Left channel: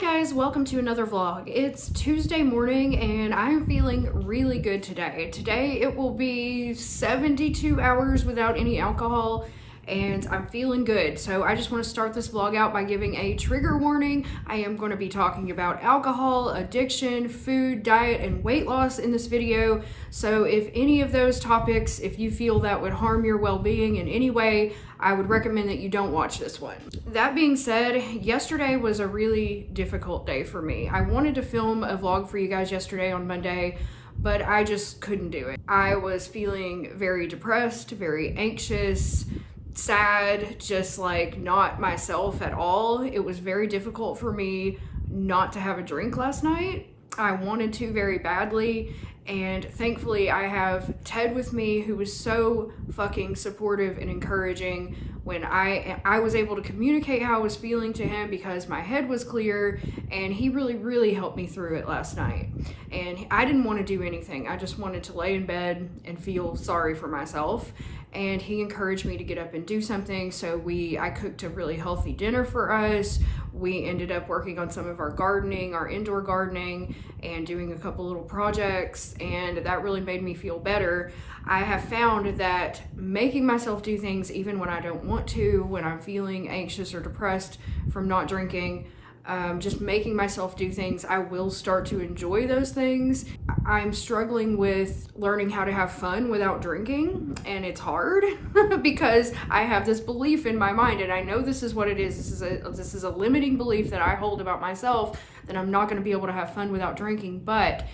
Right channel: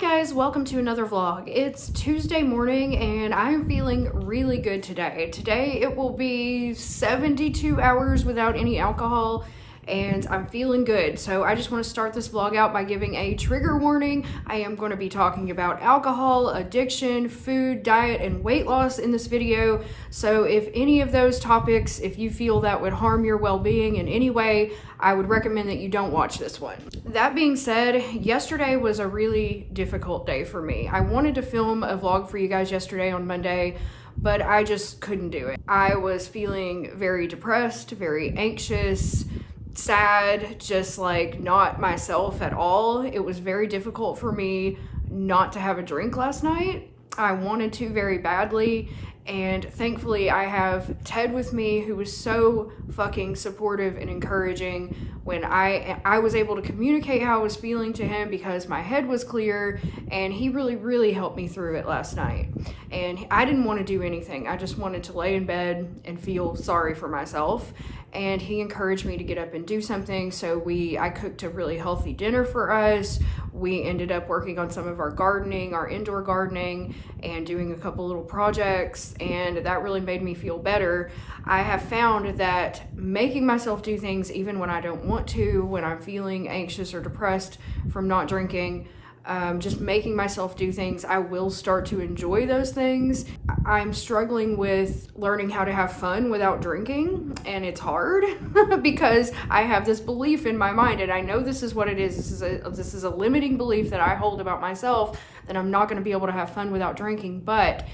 guys, welcome to another vlog. It's Tuesday morning and I'm feeling really good today. Today it will be 72 hours without any alcohol and I'm feeling good. So I just want to start this vlog out by giving a trigger warning. I am going to be talking about alcohol, addiction, food, diet, and weight loss in this video. So if any of those topics, if you feel that would harm your well-being in any way, I would recommend that you don't watch this one. That being said, yesterday was a really difficult day for me. I wanted to film a vlog for you guys yesterday on Monday, but I just couldn't do it. I was feeling very depressed, very anxious, sad, just like not myself at all. It was very difficult for me not to have a drink last night. I wanted to very badly. And thankfully I have Ted with me, who was so fucking supportive and encouraging when I was able to communicate how I was feeling to him because my head was clear, and he really helped me through it last night. And I didn't want to do anything. I just wanted to lay in bed and feel sorry for myself. And he encouraged me to get up and do something. So I cooked a really healthy dinner for us. We ended up working on some of our gardening, our indoor gardening, and doing a couple little projects, and that really made me feel better. I have found that making myself do things even when I don't want to, when I'm feeling anxious or depressed from not drinking, just making myself do things, I will start to enjoy those things. I'm struggling with learning how to have fun without drinking, and it's hard because I have this belief in my mind, and I know this is what it is. This is a limiting belief that I hold about myself, that I'm not going to be able to have fun without drinking. But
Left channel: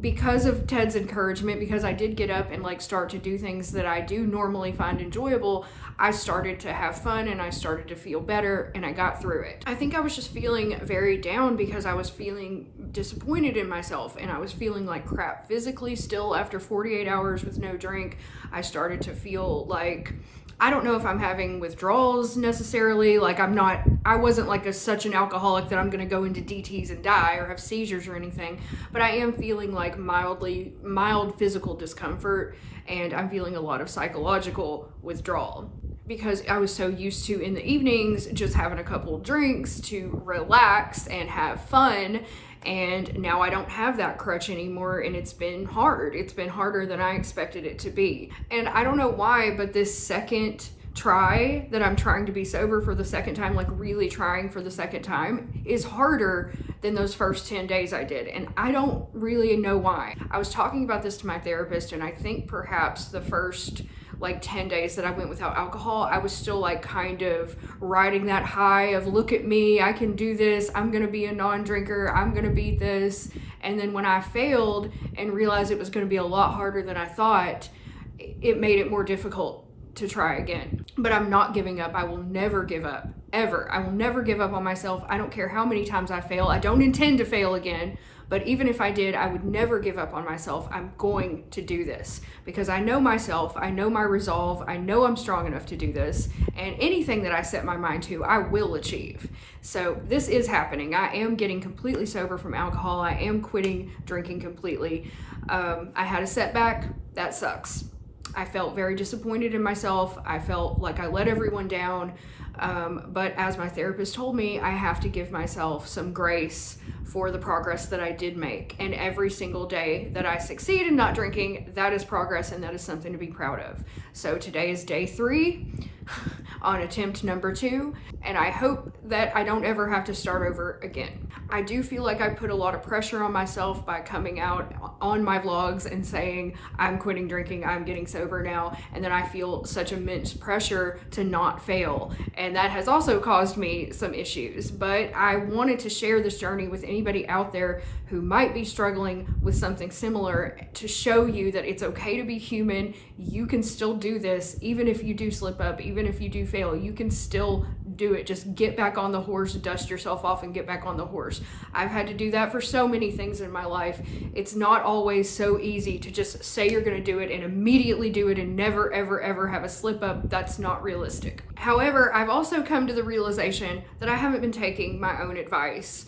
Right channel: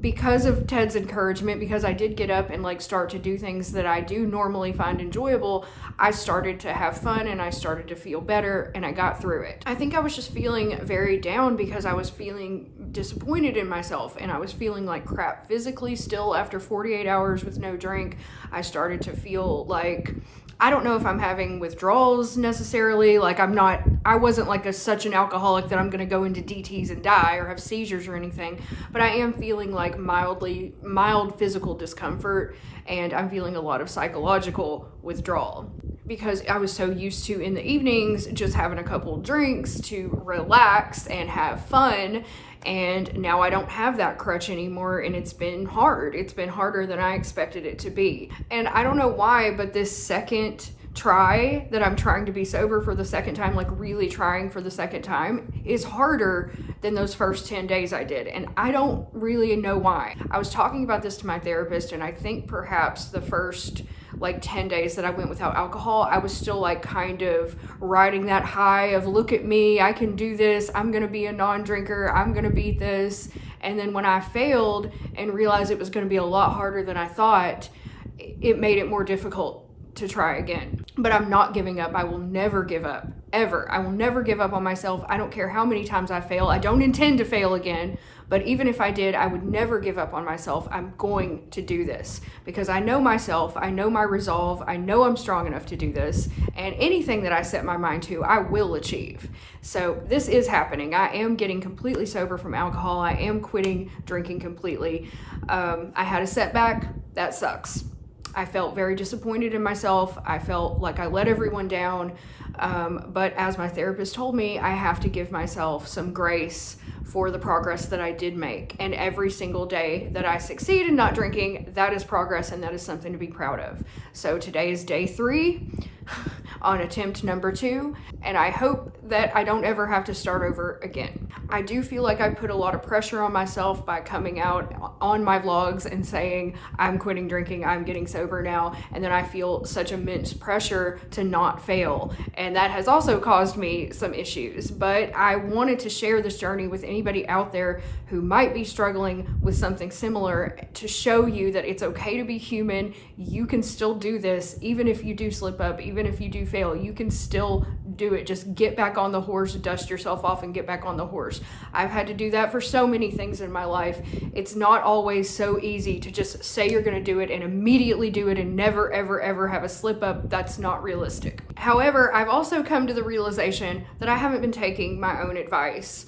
because of Ted's encouragement, because I did get up and start to do things that I do normally find enjoyable, I started to have fun and I started to feel better, and I got through it. I think I was just feeling very down because I was feeling disappointed in myself, and I was feeling like crap physically still after 48 hours with no drink. I started to feel like, I don't know if I'm having withdrawals necessarily. I wasn't such an alcoholic that I'm going to go into DTs and die or have seizures or anything, but I am feeling like mild physical discomfort, and I'm feeling a lot of psychological withdrawal because I was so used to, in the evenings, just having a couple of drinks to relax and have fun. And now I don't have that crutch anymore, and it's been hard. It's been harder than I expected it to be. And I don't know why, but this second try that I'm trying to be sober for the second time, really trying for the second time, is harder than those first 10 days I did. And I don't really know why. I was talking about this to my therapist, and I think perhaps the first 10 days that I went without alcohol, I was still kind of riding that high of, look at me, I can do this, I'm gonna be a non-drinker, I'm gonna beat this. And then when I failed and realized it was gonna be a lot harder than I thought, it made it more difficult to try again. But I'm not giving up. I will never give up, ever. I will never give up on myself. I don't care how many times I fail. I don't intend to fail again. But even if I did, I would never give up on myself. I'm going to do this because I know myself, I know my resolve, I know I'm strong enough to do this, and anything that I set my mind to, I will achieve. So this is happening. I am getting completely sober from alcohol. I am quitting drinking completely. I had a setback. That sucks. I felt very disappointed in myself. I felt like I let everyone down. But as my therapist told me, I have to give myself some grace for the progress that I did make. And every single day that I succeed in not drinking, that is progress, and that is something to be proud of. So today is day 3 on attempt number 2, and I hope that I don't ever have to start over again. I do feel like I put a lot of pressure on myself by coming out on my vlogs and saying I'm quitting drinking, I'm getting sober now, and then I feel such immense pressure to not fail, and that has also caused me some issues. But I wanted to share this journey with anybody out there who might be struggling with something similar, to show you that it's okay to be human. You can still do this, even if you do slip up, even if you do fail, you can still do it. Just get back on the horse, dust yourself off, and get back on the horse. I've had to do that for so many things in my life. It's not always so easy to just say you're going to do it and immediately do it and never, ever have a slip up. That's not realistic. However, I've also come to the realization that I haven't been taking my own advice.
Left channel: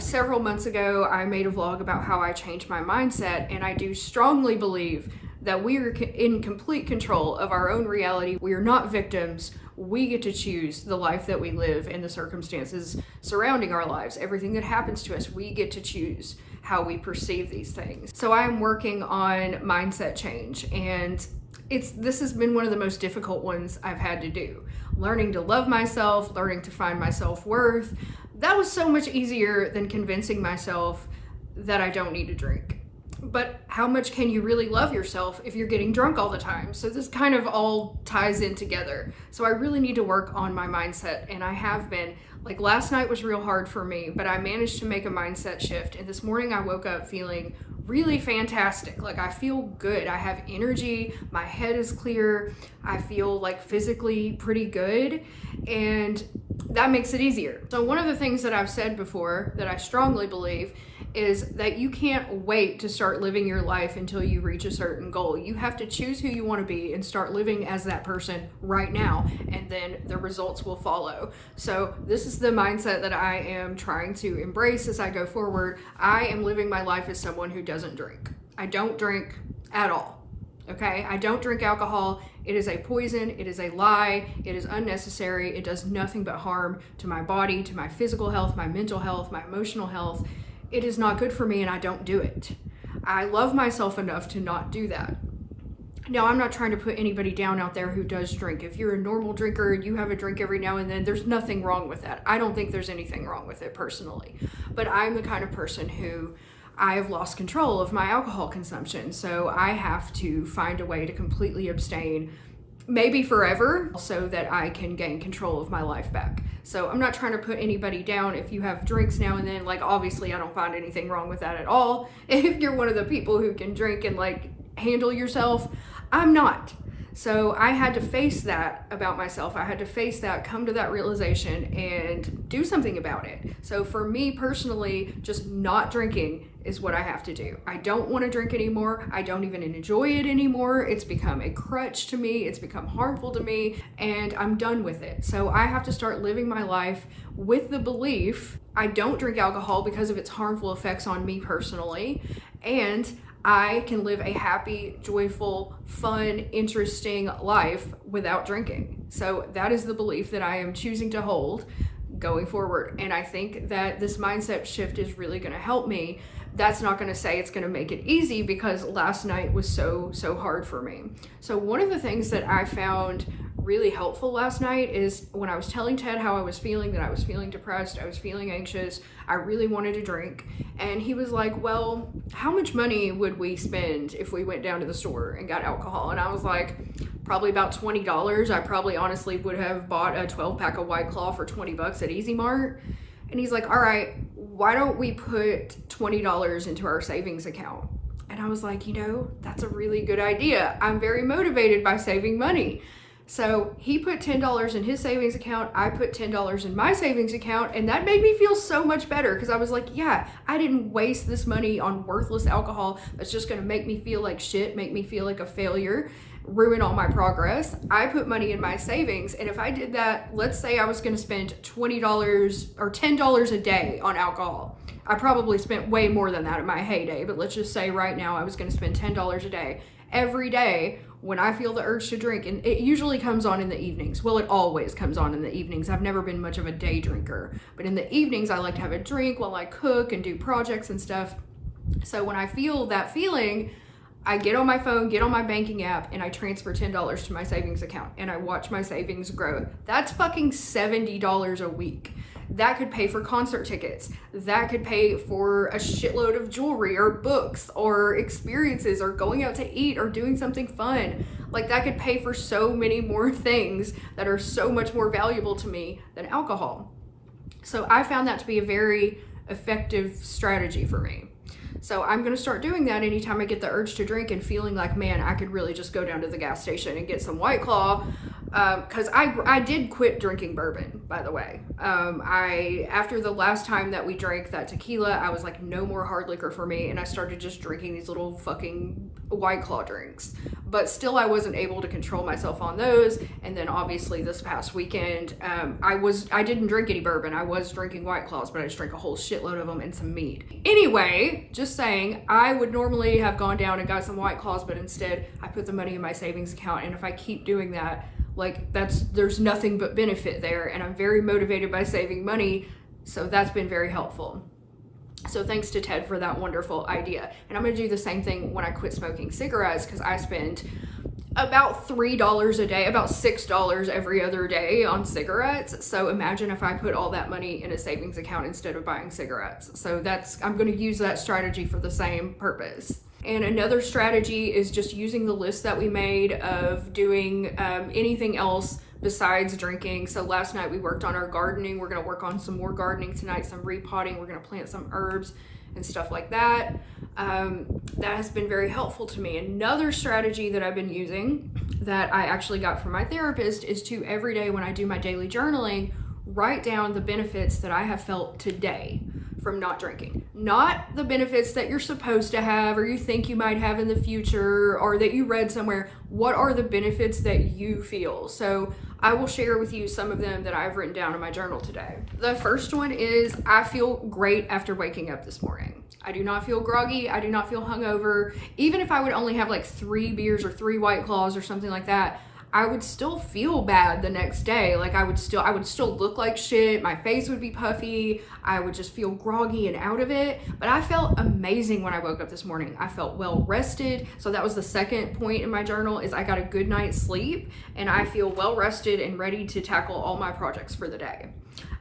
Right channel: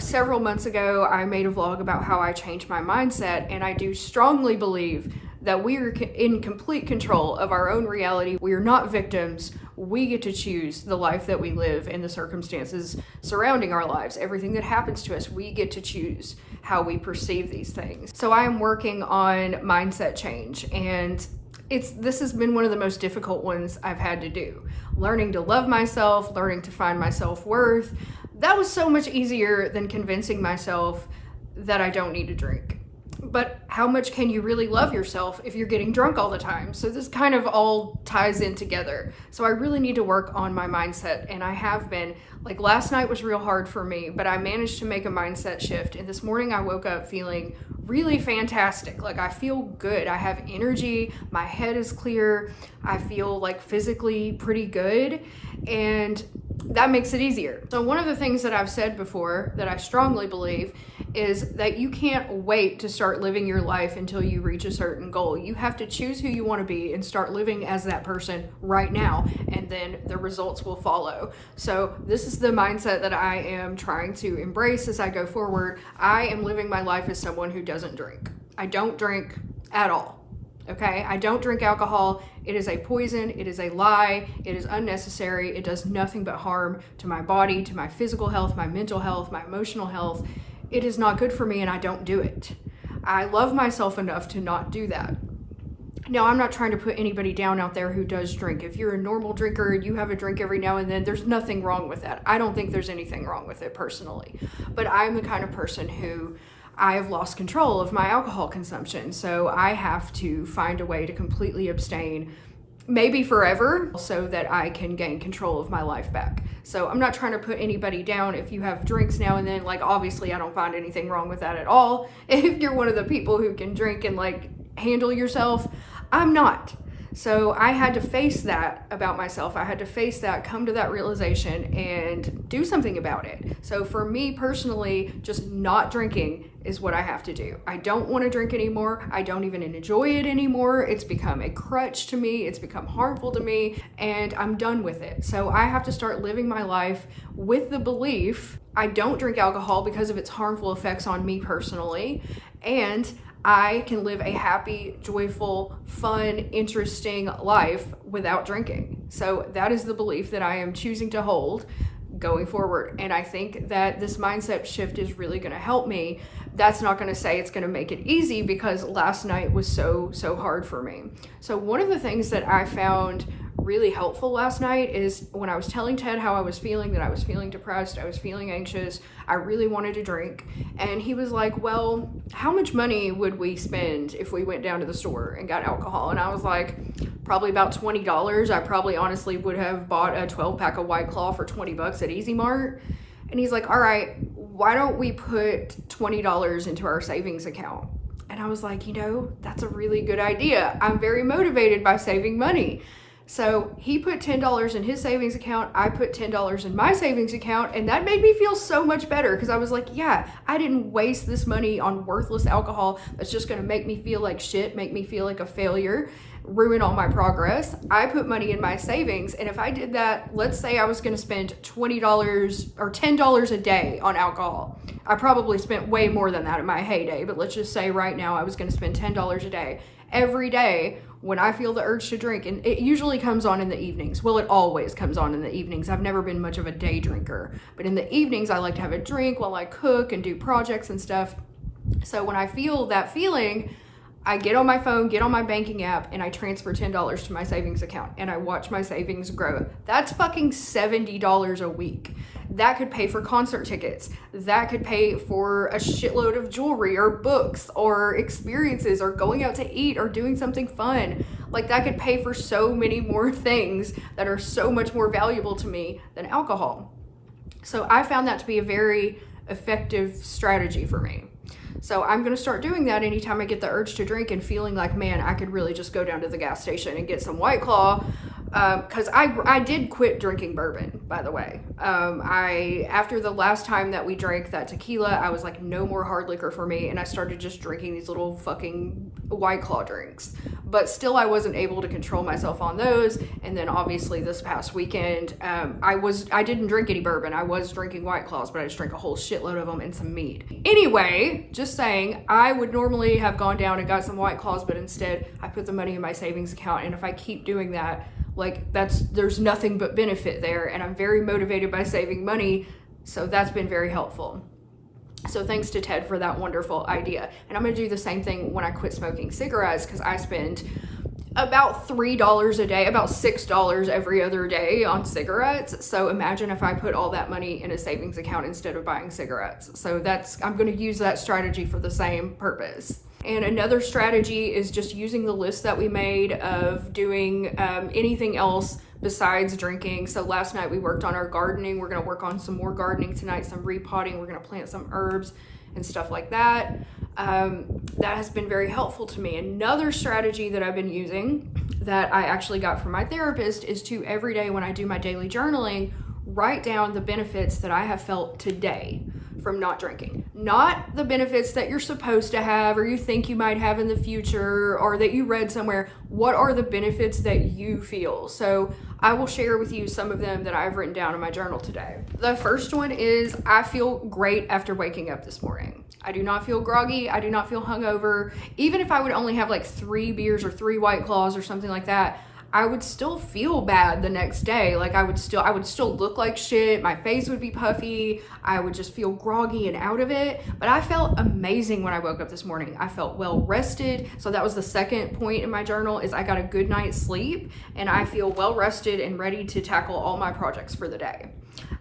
Several months ago, I made a vlog about how I changed my mindset, and I do strongly believe that we are in complete control of our own reality. We are not victims. We get to choose the life that we live and the circumstances surrounding our lives. Everything that happens to us, we get to choose how we perceive these things. So I am working on mindset change, and this has been one of the most difficult ones I've had to do. Learning to love myself, learning to find my self-worth. That was so much easier than convincing myself that I don't need to drink. But how much can you really love yourself if you're getting drunk all the time? So this kind of all ties in together. So I really need to work on my mindset, and I have been. Like last night was real hard for me, but I managed to make a mindset shift. And this morning I woke up feeling really fantastic. Like I feel good. I have energy. My head is clear. I feel like physically pretty good. And that makes it easier. So one of the things that I've said before that I strongly believe is that you can't wait to start living your life until you reach a certain goal. You have to choose who you want to be and start living as that person right now, and then the results will follow. So this is the mindset that I am trying to embrace as I go forward. I am living my life as someone who doesn't drink. I don't drink at all. Okay? I don't drink alcohol. It is a poison. It is a lie. It is unnecessary. It does nothing but harm to my body, to my physical health, my mental health, my emotional health. It is not good for me, and I don't do it. I love myself enough to not do that. Now, I'm not trying to put anybody down out there who does drink. If you're a normal drinker and you have a drink every now and then, there's nothing wrong with that. I don't think there's anything wrong with it personally. But I'm the kind of person who I have lost control of my alcohol consumption. So I have to find a way to completely abstain, maybe forever, so that I can gain control of my life back. So I'm not trying to put anybody down if you have drinks now and then. Like, obviously I don't find anything wrong with that at all. If you're one of the people who can drink and like handle yourself, I'm not. So I had to face that about myself. I had to face that, come to that realization, and do something about it. So for me personally, just not drinking is what I have to do. I don't want to drink anymore. I don't even enjoy it anymore. It's become a crutch to me. It's become harmful to me, and I'm done with it. So I have to start living my life with the belief I don't drink alcohol because of its harmful effects on me personally, and I can live a happy, joyful, fun, interesting life without drinking. So that is the belief that I am choosing to hold going forward. And I think that this mindset shift is really going to help me. That's not going to say it's going to make it easy, because last night was so hard for me. So one of the things that I found really helpful last night is when I was telling Ted how I was feeling, that I was feeling depressed, I was feeling anxious, I really wanted to drink. And he was like, well, how much money would we spend if we went down to the store and got alcohol? And I was like, probably about $20. I probably honestly would have bought a 12-pack of White Claw for $20 at Easy Mart. And he's like, all right, why don't we put $20 into our savings account? And I was like, that's a really good idea. I'm very motivated by saving money. So he put $10 in his savings account, I put $10 in my savings account, and that made me feel so much better, because I was like, yeah, I didn't waste this money on worthless alcohol that's just going to make me feel like shit, make me feel like a failure, ruin all my progress. I put money in my savings, and if I did that, let's say I was going to spend $20 or $10 a day on alcohol. I probably spent way more than that in my heyday, but let's just say right now I was going to spend $10 a day. Every day when I feel the urge to drink, and it usually comes on in the evenings. Well, it always comes on in the evenings. I've never been much of a day drinker, but in the evenings I like to have a drink while I cook and do projects and stuff. So when I feel that feeling, I get on my phone, get on my banking app, and I transfer $10 to my savings account, and I watch my savings grow. That's fucking $70 a week. That could pay for concert tickets. That could pay for a shitload of jewelry or books or experiences or going out to eat or doing something fun. Like, that could pay for so many more things that are so much more valuable to me than alcohol. So I found that to be a very effective strategy for me. So I'm going to start doing that anytime I get the urge to drink and feeling like, man, I could really just go down to the gas station and get some White Claw. Because I did quit drinking bourbon, by the way. After the last time that we drank that tequila, I was like, no more hard liquor for me, and I started just drinking these little fucking White Claw drinks. But still, I wasn't able to control myself on those. And then obviously this past weekend, I didn't drink any bourbon. I was drinking White Claws, but I just drank a whole shitload of them and some meat. Anyway, just saying, I would normally have gone down and got some White Claws, but instead I put the money in my savings account, and if I keep doing that, Like there's nothing but benefit there, and I'm very motivated by saving money, so that's been very helpful. So thanks to Ted for that wonderful idea. And I'm gonna do the same thing when I quit smoking cigarettes, because I spend about $3 a day, about $6 every other day on cigarettes. So imagine if I put all that money in a savings account instead of buying cigarettes. So I'm gonna use that strategy for the same purpose. And another strategy is just using the list that we made of doing anything else besides drinking. So last night we worked on our gardening. We're gonna work on some more gardening tonight, some repotting. We're gonna plant some herbs and stuff like that. That has been very helpful to me. Another strategy that I've been using that I actually got from my therapist is to every day when I do my daily journaling, write down the benefits that I have felt today from not drinking. Not the benefits that you're supposed to have or you think you might have in the future or that you read somewhere. What are the benefits that you feel? So I will share with you some of them that I've written down in my journal today. The first one is I feel great after waking up this morning. I do not feel groggy. I do not feel hungover. Even if I would only have like 3 beers or 3 White Claws or something like that, I would still feel bad the next day. Like I would still look like shit. My face would be puffy. I would just feel groggy and out of it. But I felt amazing when I woke up this morning. I felt well rested. So that was the second point in my journal, is I got a good night's sleep and I feel well rested and ready to tackle all my projects for the day.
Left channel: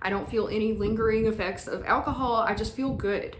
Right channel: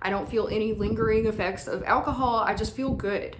I don't feel any lingering effects of alcohol. I just feel good.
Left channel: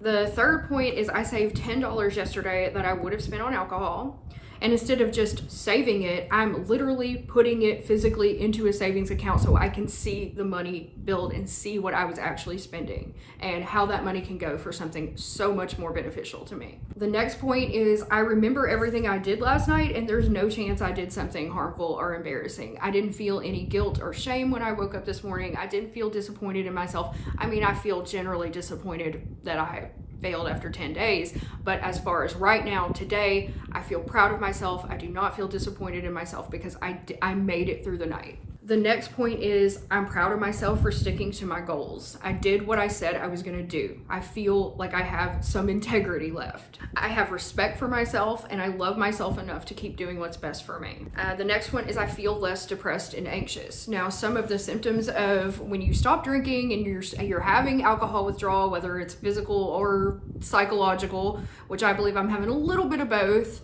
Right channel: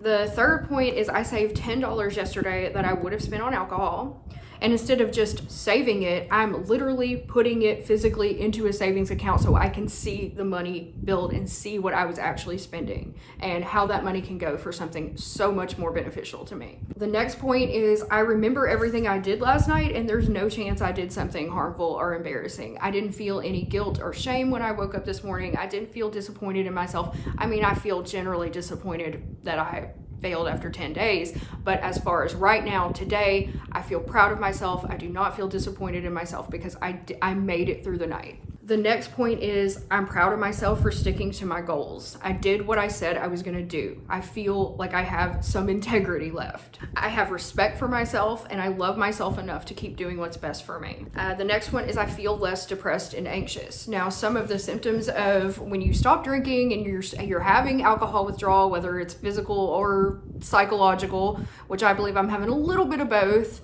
The third point is I saved $10 yesterday that I would have spent on alcohol. And instead of just saving it, I'm literally putting it physically into a savings account so I can see the money build and see what I was actually spending and how that money can go for something so much more beneficial to me. The next point is I remember everything I did last night and there's no chance I did something harmful or embarrassing. I didn't feel any guilt or shame when I woke up this morning. I didn't feel disappointed in myself. I mean, I feel generally disappointed that I failed after 10 days. But as far as right now, today, I feel proud of myself. I do not feel disappointed in myself because I made it through the night. The next point is I'm proud of myself for sticking to my goals. I did what I said I was going to do. I feel like I have some integrity left. I have respect for myself and I love myself enough to keep doing what's best for me. The next one is I feel less depressed and anxious. Now, some of the symptoms of when you stop drinking and you're having alcohol withdrawal, whether it's physical or psychological, which I believe I'm having a little bit of both,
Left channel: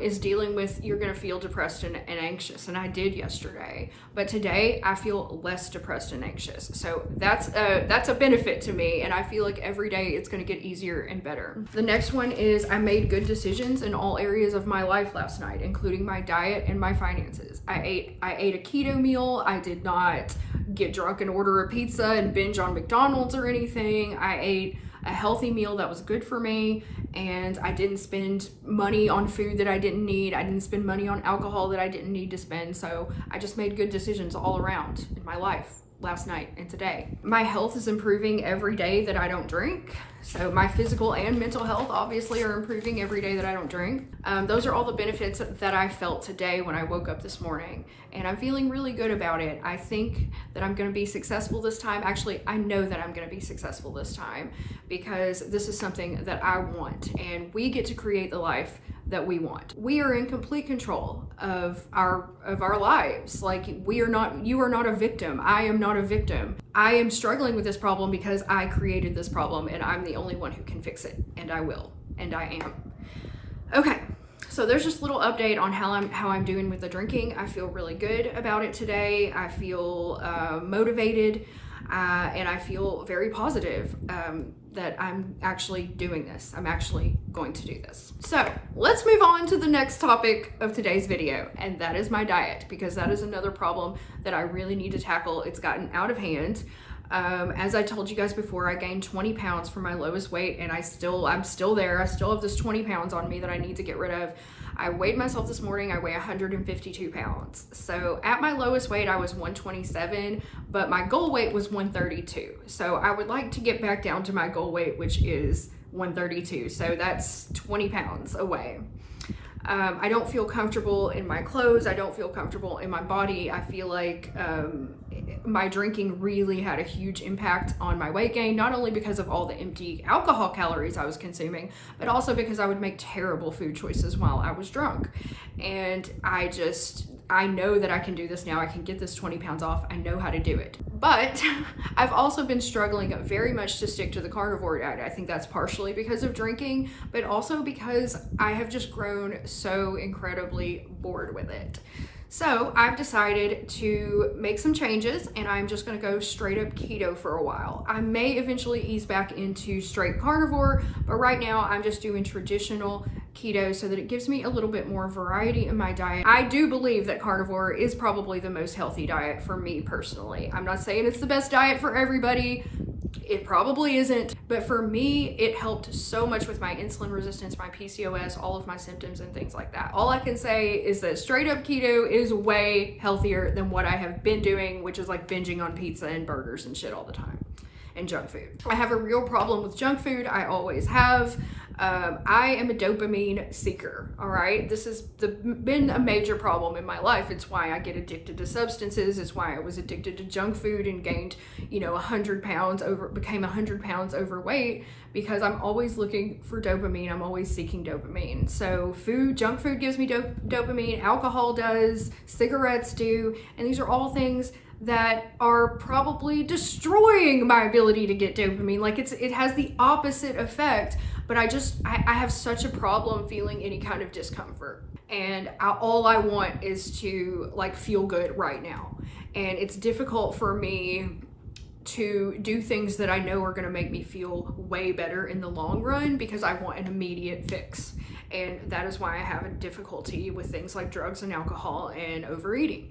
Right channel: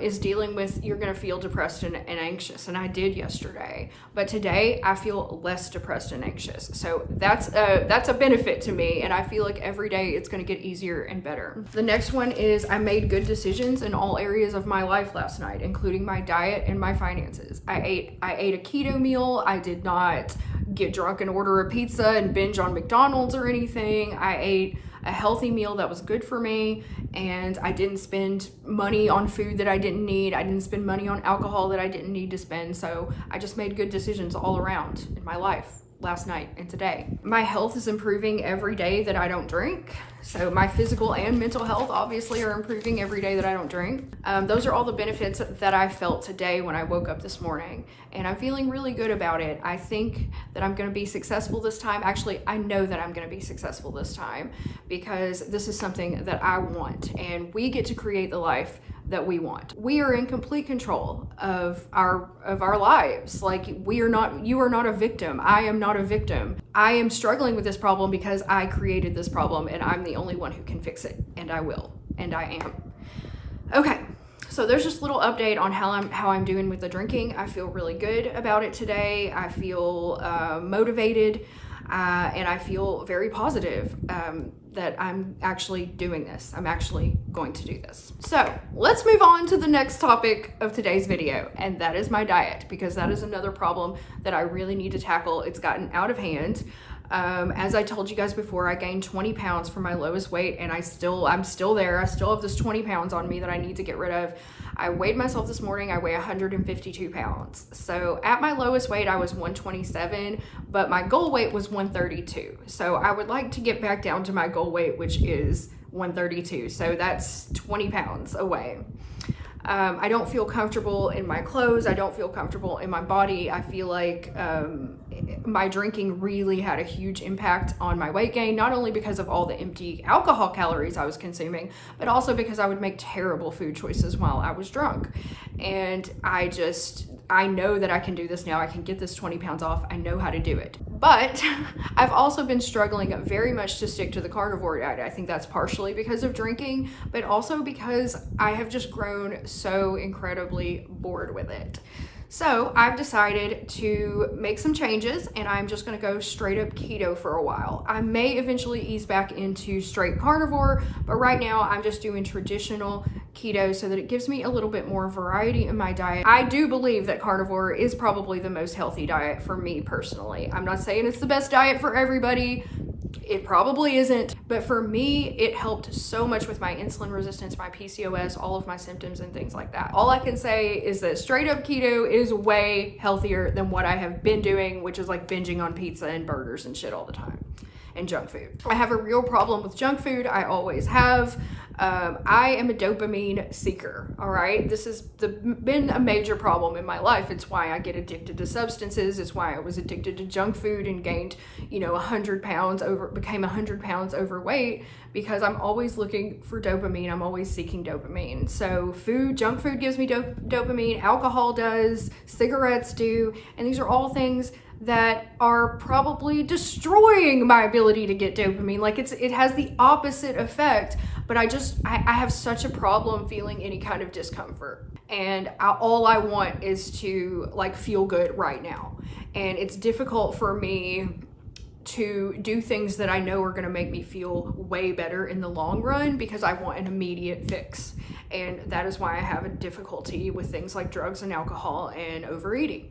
is dealing with you're going to feel depressed and anxious. And I did yesterday, but today I feel less depressed and anxious. So that's a benefit to me. And I feel like every day it's going to get easier and better. The next one is I made good decisions in all areas of my life last night, including my diet and my finances. I ate a keto meal. I did not get drunk and order a pizza and binge on McDonald's or anything. I ate a healthy meal that was good for me, and I didn't spend money on food that I didn't need. I didn't spend money on alcohol that I didn't need to spend. So I just made good decisions all around in my life last night and today. My health is improving every day that I don't drink. So my physical and mental health obviously are improving every day that I don't drink. Those are all the benefits that I felt today when I woke up this morning, and I'm feeling really good about it. I think that I'm going to be successful this time. Actually, I know that I'm going to be successful this time because this is something that I want, and we get to create the life that we want. We are in complete control of our lives. Like you are not a victim. I am not a victim. I am struggling with this problem because I created this problem and I'm the only one who can fix it, and I will, and I am. Okay. So there's just a little update on how I'm doing with the drinking. I feel really good about it today. I feel motivated, and I feel very positive that I'm actually doing this. I'm actually going to do this. So let's move on to the next topic of today's video, and that is my diet, because that is another problem that I really need to tackle. It's gotten out of hand. As I told you guys before, I gained 20 pounds from my lowest weight, and I'm still there. I still have this 20 pounds on me that I need to get rid of. I weighed myself this morning. I weigh 152 pounds. So at my lowest weight, I was 127, but my goal weight was 132. So I would like to get back down to my goal weight, which is 132. So that's 20 pounds away. I don't feel comfortable in my clothes. I don't feel comfortable in my body. I feel like my drinking really had a huge impact on my weight gain, not only because of all the empty alcohol calories I was consuming, but also because I would make terrible food choices while I was drunk. And I know that I can do this now. I can get this 20 pounds off. I know how to do it. But I've also been struggling very much to stick to the carnivore diet. I think that's partially because of drinking, but also because I have just grown so incredibly bored with it. So I've decided to make some changes, and I'm just gonna go straight up keto for a while. I may eventually ease back into straight carnivore, but right now I'm just doing traditional keto so that it gives me a little bit more variety in my diet. I do believe that carnivore is probably the most healthy diet for me personally. I'm not saying it's the best diet for everybody. It probably isn't, but for me, it helped so much with my insulin resistance, my PCOS, all of my symptoms and things like that. All I can say is that straight up keto is way healthier than what I have been doing, which is like binging on pizza and burgers and shit all the time, and junk food. I have a real problem with junk food. I always have. I am a dopamine seeker, all right? This has been a major problem in my life. It's why I get addicted to substances. It's why I was addicted to junk food and gained, 100 pounds became 100 pounds overweight, because I'm always looking for dopamine. I'm always seeking dopamine. So junk food gives me dopamine, alcohol does, cigarettes do, and these are all things that are probably destroying my ability to get dopamine. Like it has the opposite effect, but I have such a problem feeling any kind of discomfort. And all I want is to feel good right now. And it's difficult for me to do things that I know are gonna make me feel way better in the long run, because I want an immediate fix. And that is why I have a difficulty with things like drugs and alcohol and overeating.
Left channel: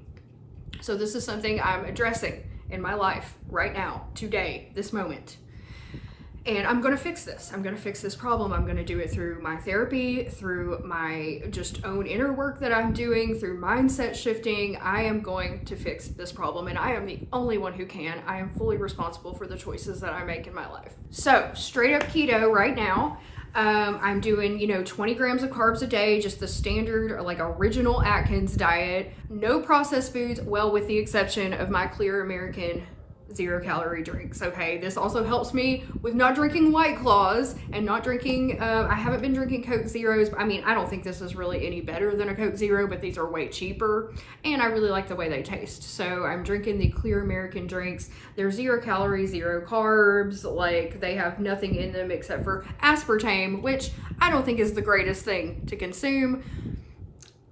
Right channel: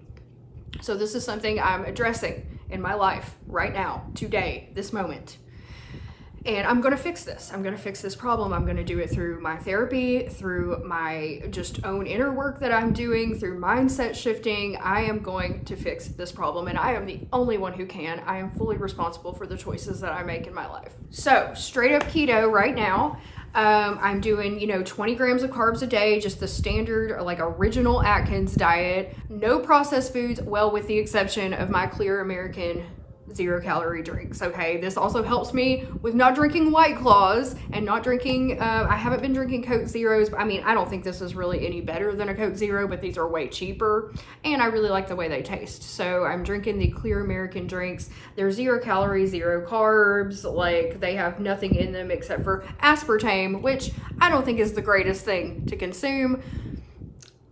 So this is something I'm addressing in my life right now, today, this moment. And I'm gonna fix this. I'm gonna fix this problem. I'm gonna do it through my therapy, through my just own inner work that I'm doing, through mindset shifting. I am going to fix this problem, and I am the only one who can. I am fully responsible for the choices that I make in my life. So straight up keto right now. I'm doing, 20 grams of carbs a day, just the standard, original Atkins diet. No processed foods, well, with the exception of my Clear American 0-calorie drinks. Okay, this also helps me with not drinking White Claws and not drinking, I haven't been drinking Coke Zeros. I mean, I don't think this is really any better than a Coke Zero, but these are way cheaper, and I really like the way they taste. So I'm drinking the Clear American drinks. They're 0 calories, 0 carbs. They have nothing in them except for aspartame, which I don't think is the greatest thing to consume.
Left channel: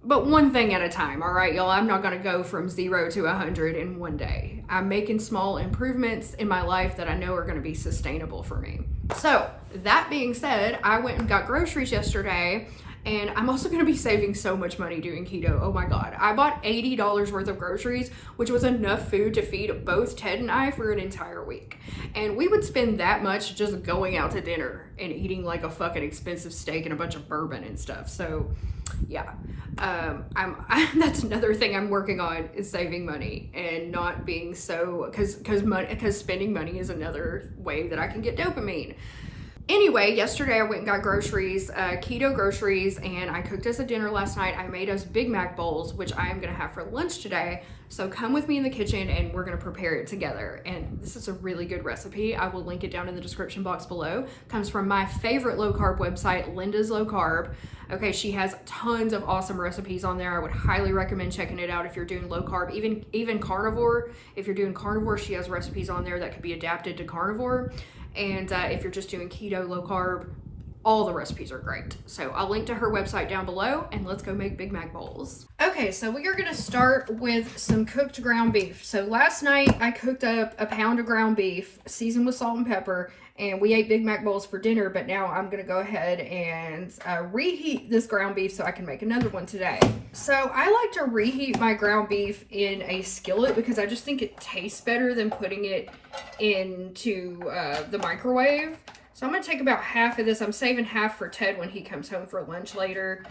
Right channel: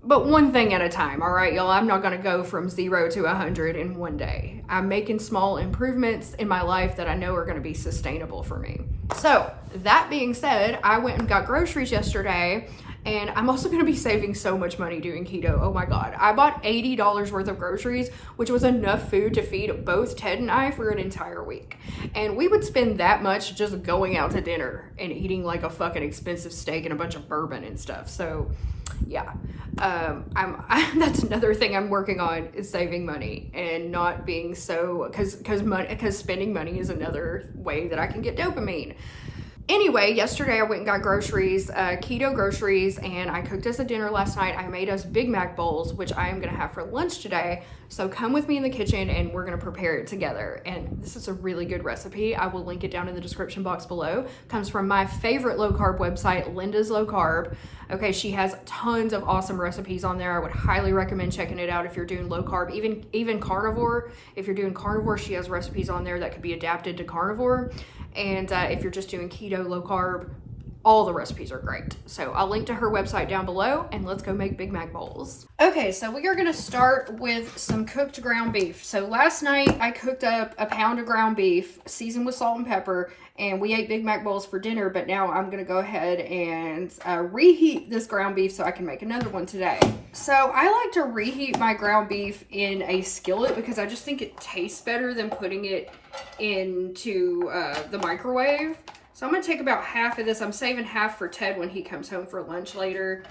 But one thing at a time, all right, y'all? I'm not gonna go from 0 to 100 in one day. I'm making small improvements in my life that I know are gonna be sustainable for me. So that being said, I went and got groceries yesterday, and I'm also gonna be saving so much money doing keto. Oh my God. I bought $80 worth of groceries, which was enough food to feed both Ted and I for an entire week. And we would spend that much just going out to dinner and eating a fucking expensive steak and a bunch of bourbon and stuff. So yeah. That's another thing I'm working on, is saving money and not being so, because spending money is another way that I can get dopamine. Anyway, yesterday I went and got groceries, keto groceries, and I cooked us a dinner last night. I made us Big Mac bowls, which I am gonna have for lunch today. So come with me in the kitchen and we're gonna prepare it together. And this is a really good recipe. I will link it down in the description box below. Comes from my favorite low carb website, Linda's Low Carb. Okay, she has tons of awesome recipes on there. I would highly recommend checking it out if you're doing low carb, even carnivore. If you're doing carnivore, she has recipes on there that could be adapted to carnivore. And if you're just doing keto, low carb, all the recipes are great. So I'll link to her website down below, and let's go make Big Mac bowls. Okay, so we are gonna start with some cooked ground beef. So last night I cooked up a pound of ground beef, seasoned with salt and pepper, and we ate Big Mac bowls for dinner, but now I'm gonna go ahead and reheat this ground beef so I can make another one today. So I like to reheat my ground beef in a skillet because I just think it tastes better than putting it into the microwave. So I'm gonna take about half of this. I'm saving half for Ted when he comes home for lunch later.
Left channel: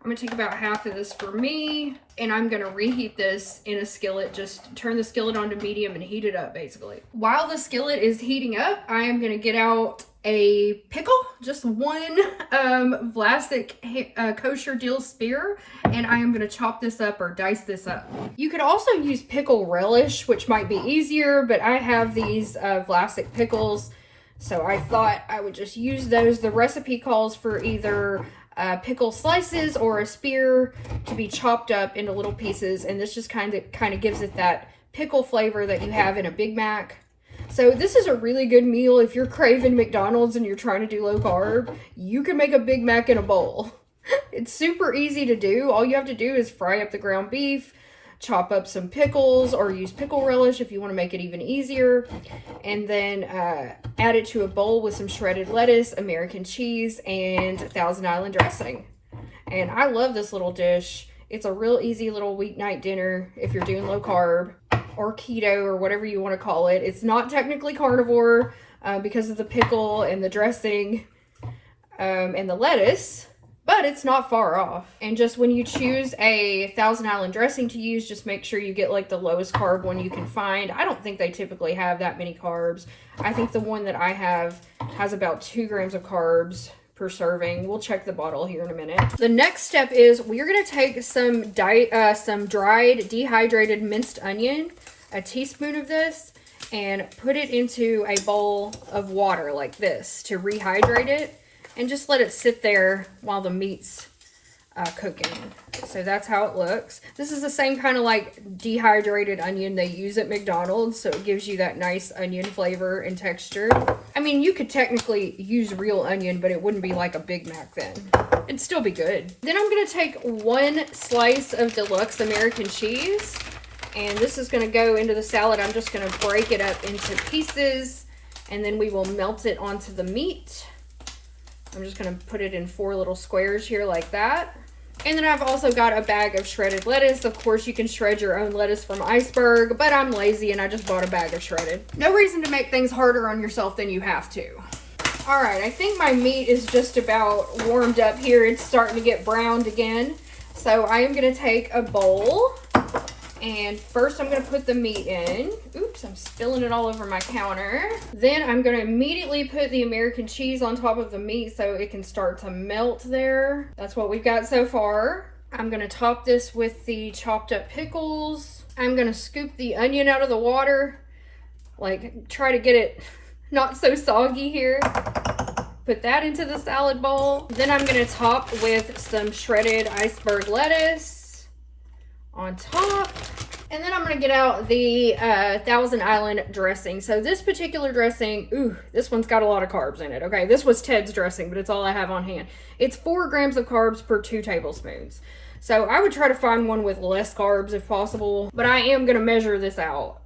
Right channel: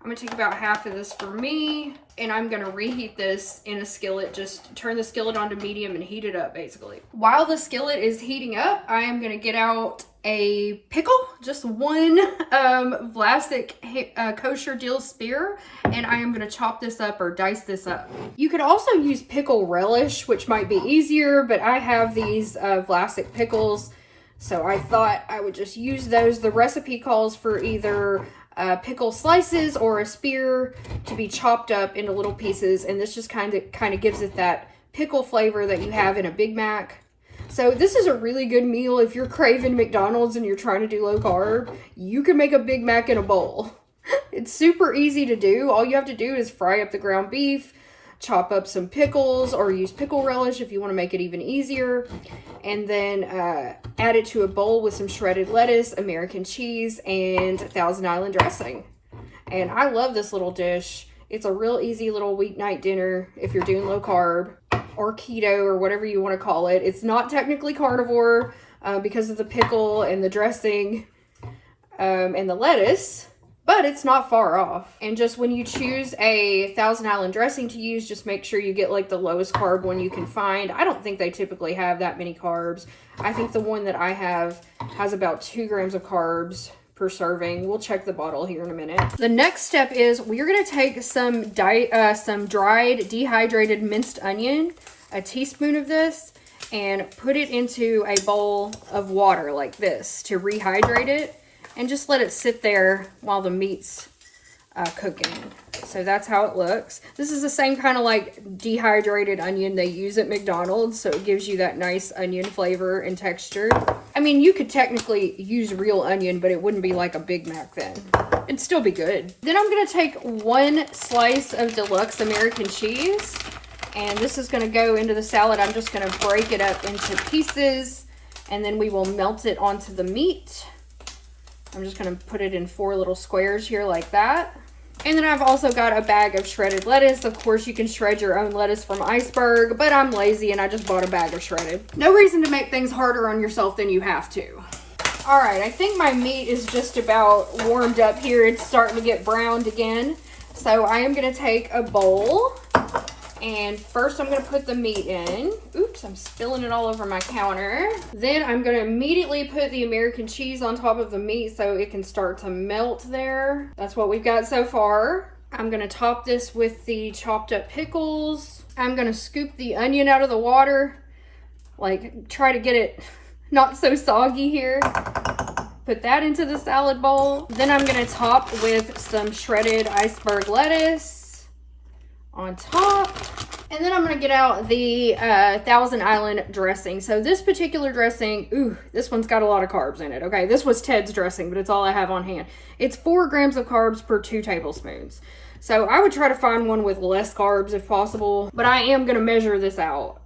I'm gonna take about half of this for me, and I'm gonna reheat this in a skillet. Just turn the skillet on to medium and heat it up, basically. While the skillet is heating up, I am gonna get out a pickle. just one Vlasic kosher dill spear, and I am going to chop this up or dice this up. You could also use pickle relish, which might be easier, but I have these Vlasic pickles, so I thought I would just use those. The recipe calls for either pickle slices or a spear to be chopped up into little pieces, and this just kind of gives it that pickle flavor that you have in a Big Mac. So this is a really good meal if you're craving McDonald's and you're trying to do low carb. You can make a Big Mac in a bowl. It's super easy to do. All you have to do is fry up the ground beef, chop up some pickles, or use pickle relish if you want to make it even easier, and then add it to a bowl with some shredded lettuce, American cheese, and Thousand Island dressing. And I love this little dish. It's a real easy little weeknight dinner if you're doing low carb or keto or whatever you want to call it. It's not technically carnivore because of the pickle and the dressing and the lettuce, but it's not far off. And just when you choose a Thousand Island dressing to use, just make sure you get like the lowest carb one you can find. I don't think they typically have that many carbs. I think the one that I have has about 2 grams of carbs per serving. We'll check the bottle here in a minute. The next step is we're going to take some dried dehydrated minced onion, a teaspoon of this, and put it into a bowl of water like this to rehydrate it, and just let it sit there while the meat's cooking. So that's how it looks. This is the same kind of like dehydrated onion they use at McDonald's, so it gives you that nice onion flavor and texture. I mean, you could technically use real onion, but it wouldn't be like a Big Mac then. It'd still be good. Then I'm gonna take 1 slice of deluxe American cheese, and this is gonna go into the salad. I'm just gonna break it up into pieces, and then we will melt it onto the meat. I'm just gonna put it in 4 little squares here like that. And then I've also got a bag of shredded lettuce. Of course, you can shred your own lettuce from Iceberg, but I'm lazy and I just bought a bag of shredded. No reason to make things harder on yourself than you have to. All right, I think my meat is just about warmed up here. It's starting to get browned again. So I am gonna take a bowl, and first I'm gonna put the meat in. Oops, I'm spilling it all over my counter. Then I'm gonna immediately put the American cheese on top of the meat so it can start to melt there. That's what we've got so far. I'm gonna top this with the chopped up pickles. I'm gonna scoop the onion out of the water, like try to get it not so soggy here. Put that into the salad bowl. Then I'm gonna top with some shredded iceberg lettuce on top. And then I'm gonna get out the Thousand Island dressing. So this particular dressing, ooh, this one's got a lot of carbs in it. Okay, this was Ted's dressing, but it's all I have on hand. It's 4 grams of carbs per 2 tablespoons. So I would try to find one with less carbs if possible, but I am gonna measure this out.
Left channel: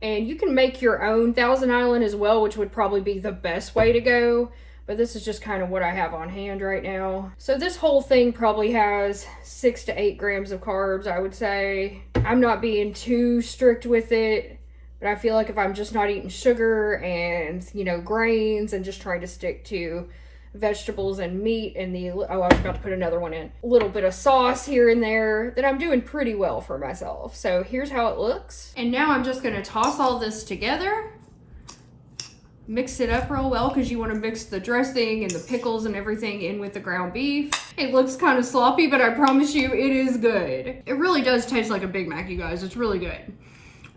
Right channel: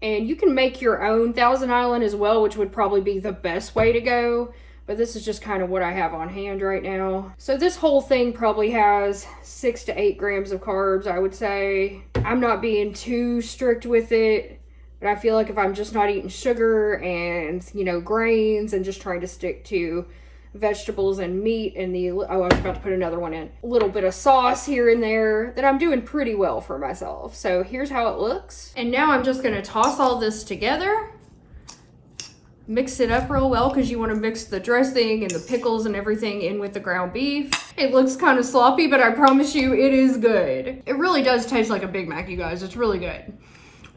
And you can make your own Thousand Island as well, which would probably be the best way to go. But this is just kind of what I have on hand right now. So this whole thing probably has 6 to 8 grams of carbs, I would say. I'm not being too strict with it, but I feel like if I'm just not eating sugar and, you know, grains and just trying to stick to vegetables and meat and I was about to put another one in, a little bit of sauce here and there, then I'm doing pretty well for myself. So here's how it looks. And now I'm just gonna toss all this together. Mix it up real well because you want to mix the dressing and the pickles and everything in with the ground beef. It looks kind of sloppy, but I promise you it is good. It really does taste like a Big Mac, you guys. It's really good.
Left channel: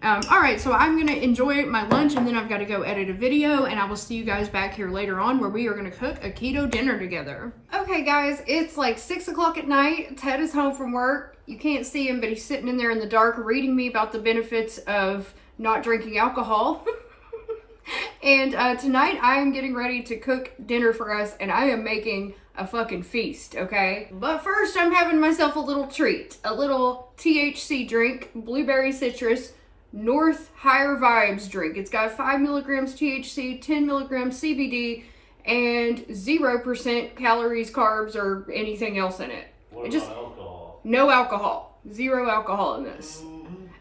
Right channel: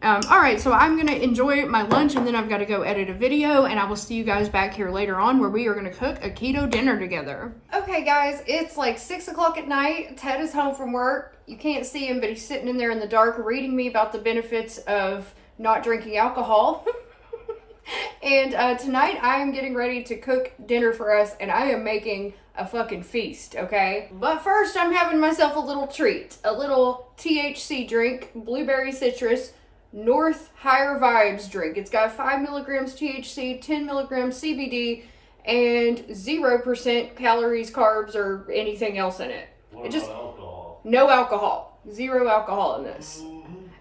All right, so I'm going to enjoy my lunch, and then I've got to go edit a video, and I will see you guys back here later on where we are going to cook a keto dinner together. Okay, guys, it's like 6 o'clock at night. Ted is home from work. You can't see him, but he's sitting in there in the dark reading me about the benefits of not drinking alcohol. And tonight I am getting ready to cook dinner for us, and I am making a fucking feast, okay? But first I'm having myself a little treat, a little THC drink, blueberry citrus, North Higher Vibes drink. It's got 5 milligrams THC, 10 milligrams CBD, and 0% calories, carbs, or anything else in it. What about alcohol? No alcohol. 0 alcohol in this.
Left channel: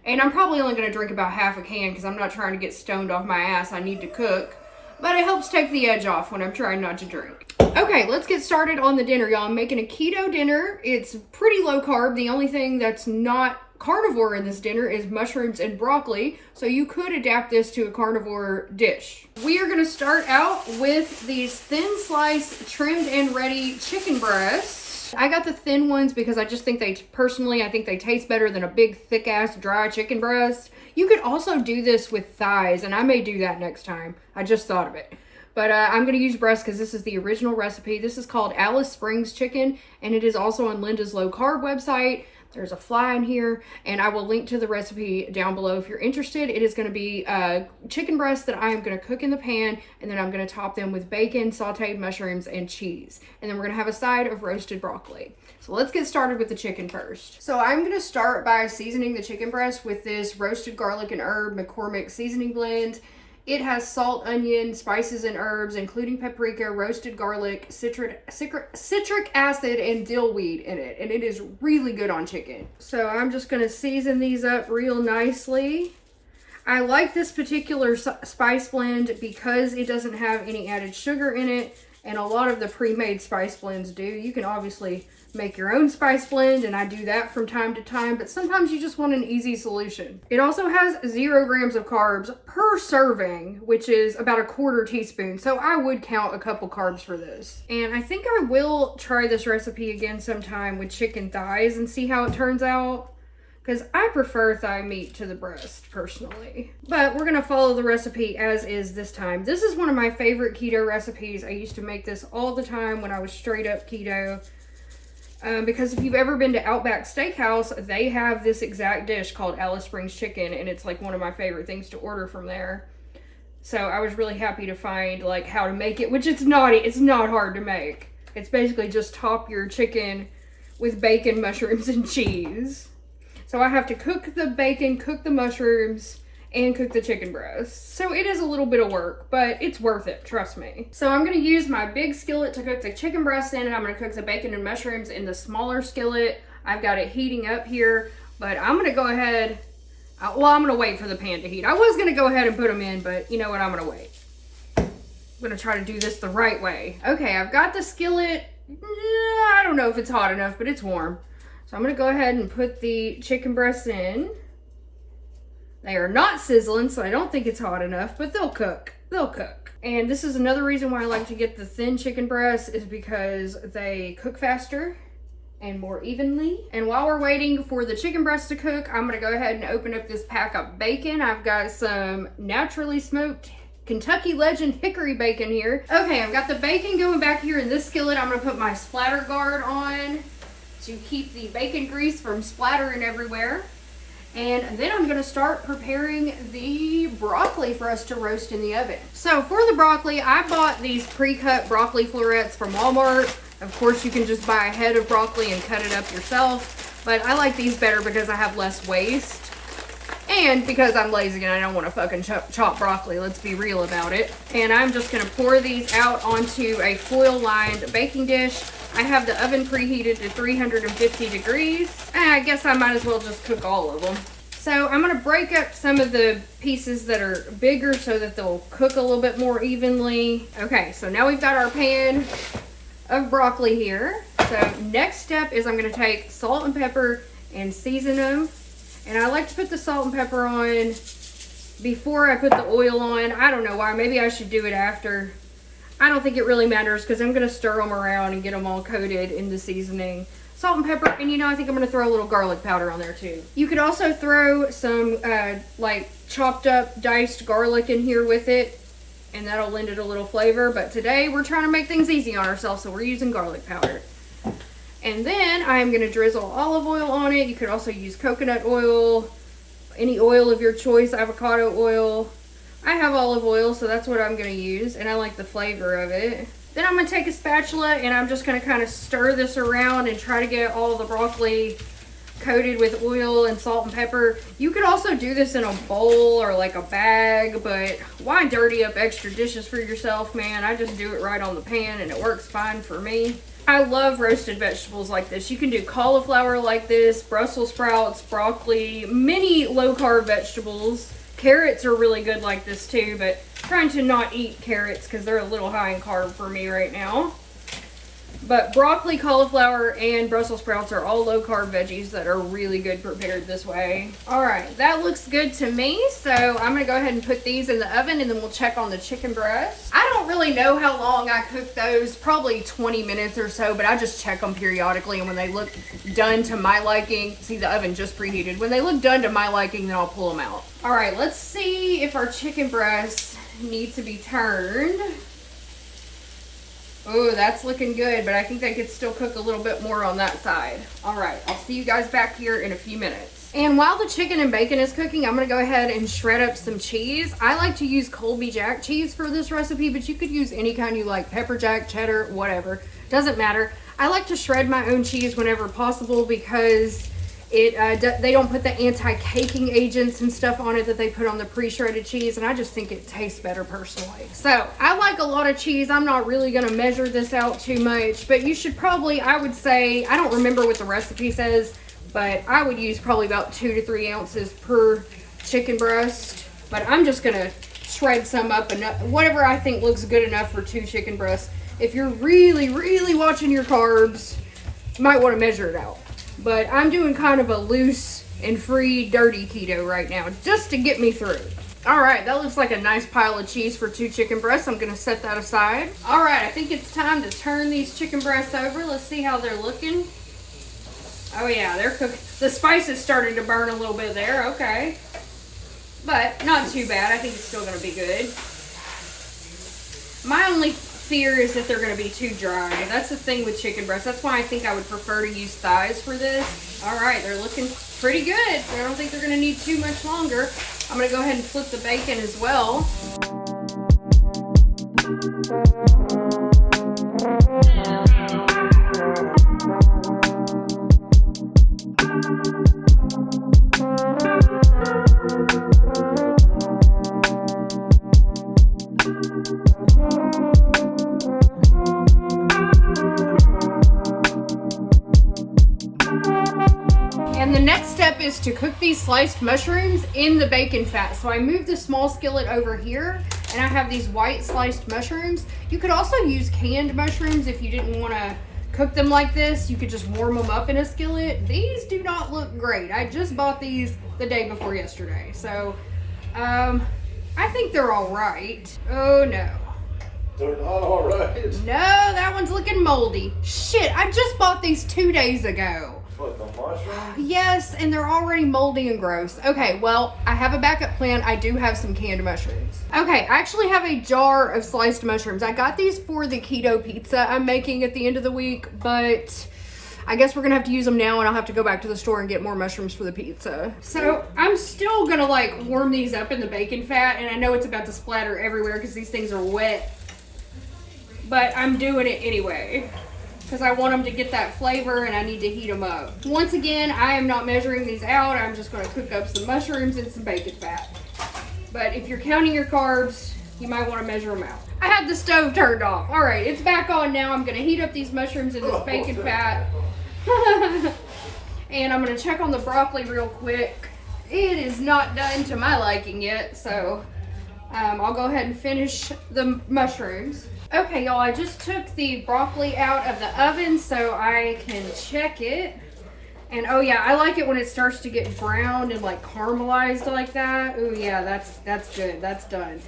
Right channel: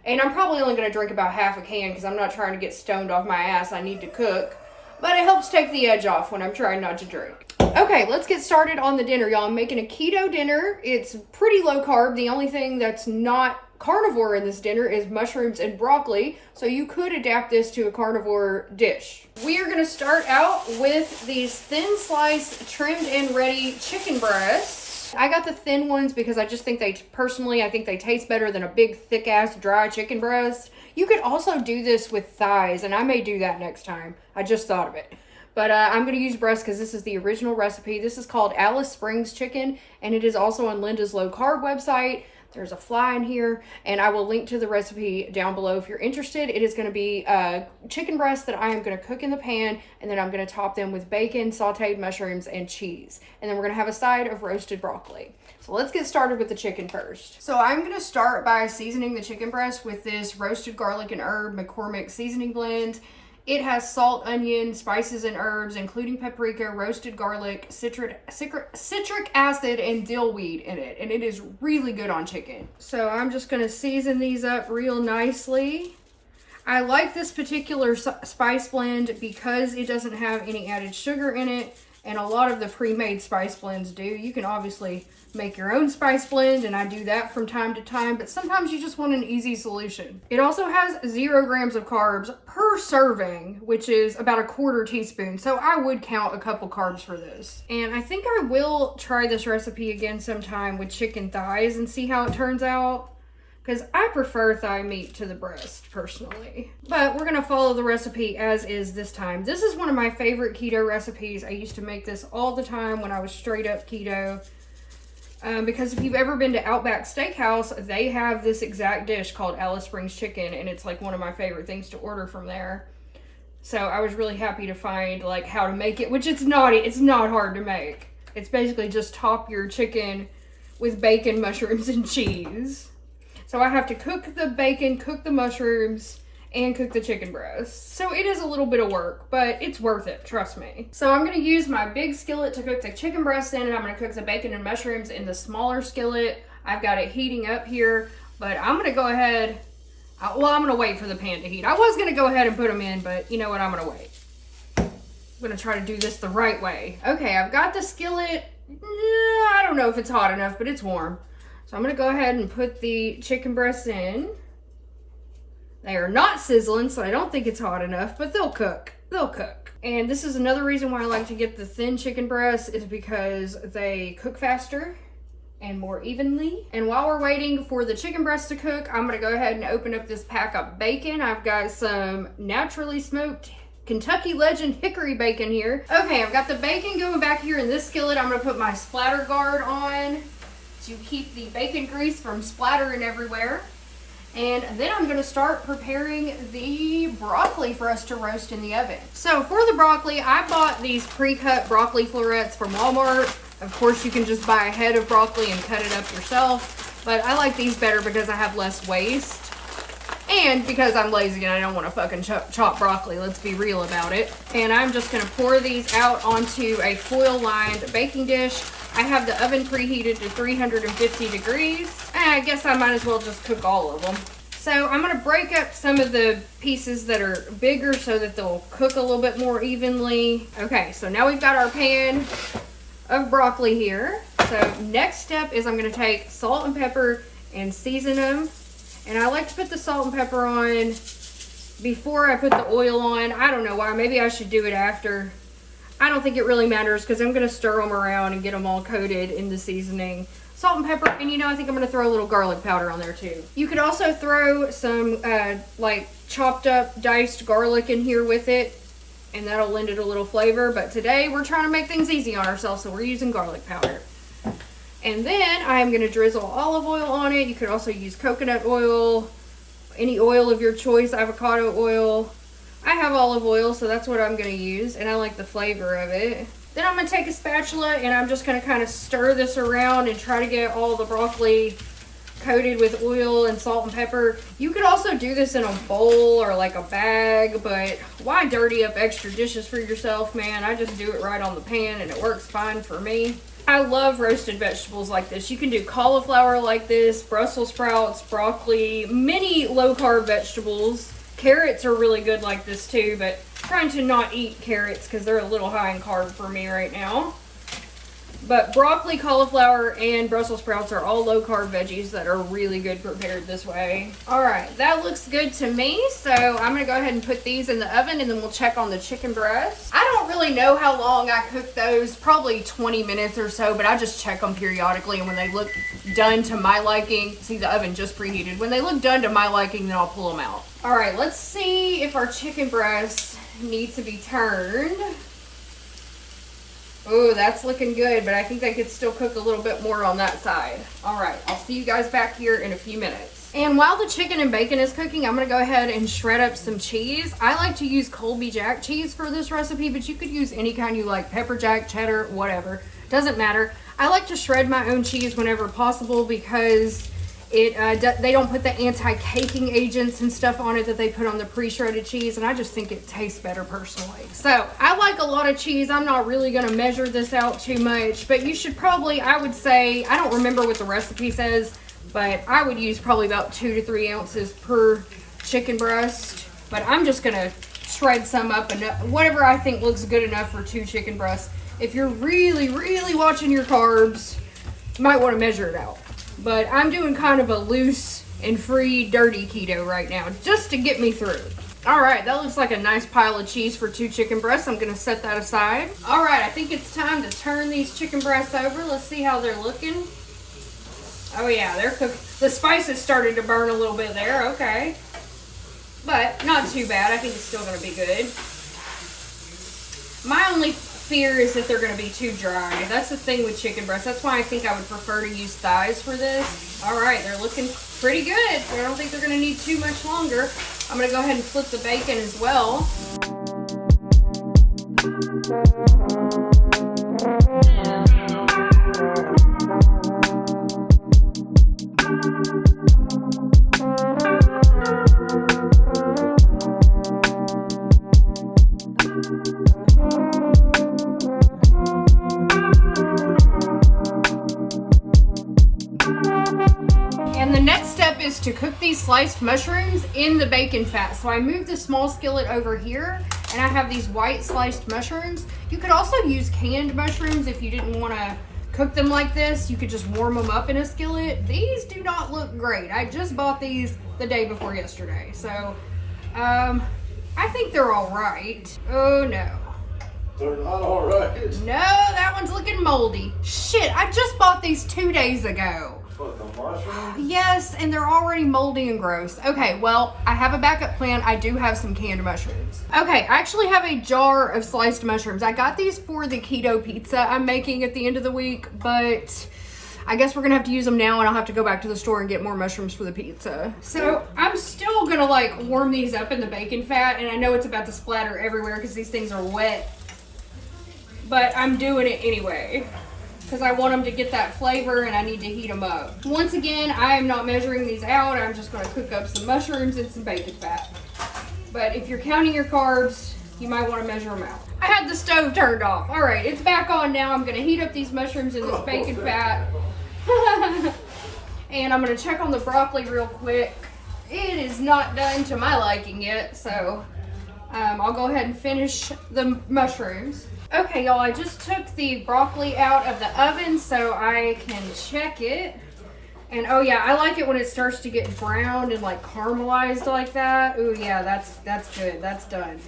And I'm probably only going to drink about half a can because I'm not trying to get stoned off my ass. I need to cook. But it helps take the edge off when I'm trying not to drink. Okay, let's get started on the dinner, y'all. I'm making a keto dinner. It's pretty low carb. The only thing that's not carnivore in this dinner is mushrooms and broccoli, so you could adapt this to a carnivore dish. We are gonna start out with these thin slice, trimmed and ready chicken breasts. I got the thin ones because I just think I think they taste better than a big, thick ass, dry chicken breast. You could also do this with thighs, and I may do that next time. I just thought of it. But I'm going to use breast because this is the original recipe. This is called Alice Springs chicken, and it is also on Linda's low carb website. There's a fly in here, and I will link to the recipe down below if you're interested. It is going to be chicken breasts that I am going to cook in the pan, and then I'm going to top them with bacon, sauteed mushrooms, and cheese. And then we're going to have a side of roasted broccoli. So let's get started with the chicken first. So I'm going to start by seasoning the chicken breast with this roasted garlic and herb McCormick seasoning blend. It has salt, onion, spices, and herbs, including paprika, roasted garlic, citric acid, and dill weed in it. And it is really good on chicken. So I'm just going to season these up real nicely. I like this particular spice blend because it doesn't have any added sugar in it. And a lot of the pre-made spice blends do. You can obviously make your own spice blend, and I do that from time to time, but sometimes you just want an easy solution. It also has 0 grams of carbs per serving, which is about 1/4 teaspoon, so I would count a couple carbs for this. And I think I will try this recipe again sometime with chicken thighs and see how it turns out, because I prefer thigh meat to the breast, personally. But we're gonna follow the recipe as is this time. This is one of my favorite keto recipes. I used to make this all the time when I was straight up keto. Because if you've ever been to Outback Steakhouse, they have this exact dish called Alice Springs chicken, and it's like one of my favorite things to order from there. So I was really happy to find like how to make it, which it's not hard to make. It's basically just top your chicken with bacon, mushrooms, and cheese. So I have to cook the bacon, cook the mushrooms, and cook the chicken breast. So it is a little bit of work, but it's worth it, trust me. So I'm gonna use my big skillet to cook the chicken breast in, and I'm gonna cook the bacon and mushrooms in the smaller skillet. I've got it heating up here, but I'm gonna go ahead, I'm gonna wait for the pan to heat. I was gonna go ahead and put them in, but you know what, I'm gonna wait. I'm gonna try to do this the right way. Okay, I've got the skillet, I don't know if it's hot enough, but it's warm. So I'm gonna go ahead and put the chicken breasts in. They are not sizzling, so I don't think it's hot enough, but they'll cook. They'll cook. And this is another reason why I like to get the thin chicken breasts, is because they cook faster and more evenly. And while we're waiting for the chicken breast to cook, I'm gonna go ahead and open up this pack of bacon. I've got some naturally smoked Kentucky Legend hickory bacon here. Okay, I've got the bacon going back here in this skillet. I'm gonna put my splatter guard on to keep the bacon grease from splattering everywhere. And then I'm gonna start preparing the broccoli for us to roast in the oven. So for the broccoli, I bought these pre-cut broccoli florets from Walmart. Of course, you can just buy a head of broccoli and cut it up yourself, but I like these better because I have less waste. And because I'm lazy and I don't wanna fucking chop broccoli, let's be real about it. And I'm just gonna pour these out onto a foil-lined baking dish. I have the oven preheated to 350 degrees. And I guess I might as well just cook all of them. So I'm gonna break up some of the pieces that are bigger so that they'll cook a little bit more evenly. Okay, so now we've got our pan of broccoli here. So next step is I'm gonna take salt and pepper and season them. And I like to put the salt and pepper on before I put the oil on. I don't know why, maybe I should do it after. I don't think it really matters because I'm going to stir them around and get them all coated in the seasoning. Salt and pepper, and you know, I think I'm going to throw a little garlic powder on there too. You could also throw some like chopped up diced garlic in here with it, and that'll lend it a little flavor. But today we're trying to make things easy on ourselves, so we're using garlic powder. And then I'm going to drizzle olive oil on it. You could also use coconut oil, any oil of your choice, avocado oil. I have olive oil, so that's what I'm going to use, and I like the flavor of it. Then I'm going to take a spatula, and I'm just going to kind of stir this around and try to get all the broccoli coated with oil and salt and pepper. You could also do this in a bowl or like a bag, but why dirty up extra dishes for yourself, man? I just do it right on the pan, and it works fine for me. I love roasted vegetables like this. You can do cauliflower like this, Brussels sprouts, broccoli, many low-carb vegetables. Carrots are really good like this too, but trying to not eat carrots because they're a little high in carb for me right now. But broccoli, cauliflower, and Brussels sprouts are all low-carb veggies that are really good prepared this way. All right, that looks good to me. So I'm gonna go ahead and put these in the oven, and then we'll check on the chicken breast. I don't really know how long I cook those, probably 20 minutes or so, but I just check them periodically, and when they look done to my liking, see the oven just preheated. When they look done to my liking, then I'll pull them out. All right, let's see if our chicken breast needs to be turned. Oh, that's looking good, but I think I could still cook a little bit more on that side. All right, I'll see you guys back here in a few minutes. And while the chicken and bacon is cooking, I'm gonna go ahead and shred up some cheese. I like to use Colby Jack cheese for this recipe, but you could use any kind you like, pepper jack, cheddar, whatever. Doesn't matter. I like to shred my own cheese whenever possible because they don't put the anti-caking agents and stuff on it that they put on the pre-shredded cheese, and I just think it tastes better personally. So I like a lot of cheese. I'm not really going to measure this out too much, but you should probably, I would say, I don't remember what the recipe says, but I would use probably about 2 to 3 ounces per chicken breast. But I'm just going to shred some up, and whatever I think looks good enough for 2 chicken breasts. If you're really, really watching your carbs, you might want to measure it out. But I'm doing kind of a loose and free dirty keto right now, just to get me through. All right, that looks like a nice pile of cheese for 2 chicken breasts. I'm gonna set that aside. All right, I think it's time to turn these chicken breasts over. Let's see how they're looking. Oh yeah, they're cooked. The spice is starting to burn a little bit there, okay. But not too bad, I think it's still gonna be good. My only fear is that they're going to be too dry. That's the thing with chicken breasts. That's why I think I would prefer to use thighs for this. All right, they're looking pretty good. I don't think they're going to need too much longer. I'm going to go ahead and flip the bacon as well. To cook these sliced mushrooms in the bacon fat. So I moved the small skillet over here, and I have these white sliced mushrooms. You could also use canned mushrooms if you didn't want to cook them like this. You could just warm them up in a skillet. These do not look great. I just bought these the day before yesterday, so I think they're all right. Oh no, they're not all right. No, that one's looking moldy. Shit, I just bought these 2 days ago. What, the mushrooms? Yes, and they're already moldy and gross. Okay, well, I have a backup plan. I do have some canned mushrooms. Okay, I actually have a jar of sliced mushrooms. I got these for the keto pizza I'm making at the end of the week, but I guess we're gonna have to use them now, and I'll have to go back to the store and get more mushrooms for the pizza. So I'm still gonna like warm these up in the bacon fat, and I know it's about to splatter everywhere because these things are wet, but I'm doing it anyway, because I want them to get that flavor and I need to heat them up. Once again, I am not measuring these out. I'm just going to cook up some mushrooms and some bacon fat. But if you're counting your carbs, you might want to measure them out. I had the stove turned off. All right, it's back on now. I'm going to heat up these mushrooms and this bacon fat. And I'm going to check on the broccoli real quick. It is not done to my liking yet, so I'll go ahead and finish the mushrooms. Okay, y'all, I just took the broccoli out of the oven so I can check it. And oh yeah, I like it when it starts to get browned and like caramelized like that. Oh yeah, that's good. That's done.